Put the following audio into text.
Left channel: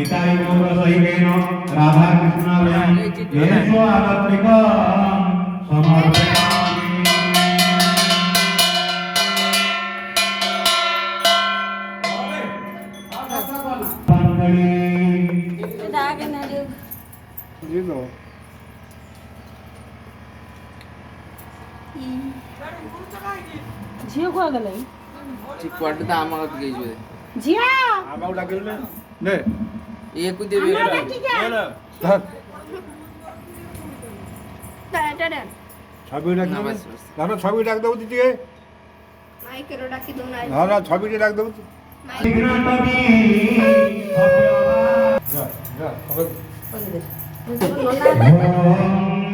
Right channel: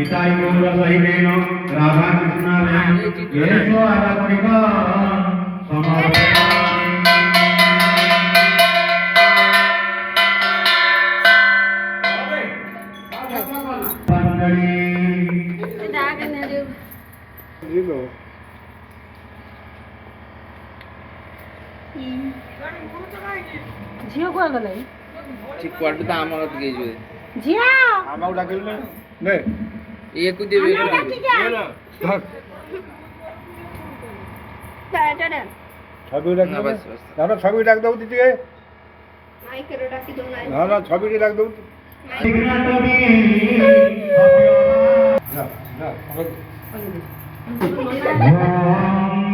নিতাই গৌর সহিতেন রাধা কৃষ্ণাভ্যাম येषु आध्यात्मिका समर्पयामि। मंडली ঝিও কোয়া গেলে ঠিক কোয়ার্টার দা আমার দিকে যাবে ঝিয়া আমাও ডাকিল না নে একু দেবে না থাক ছবি ডাক না, দেবো বাস, বাস। না ছবি ডাক দেবো দিদিকে মাইকেরও ডাকি দাও না না ছবিটি ডাক দেবো विघ्नटवी যা যা ওই দে ओम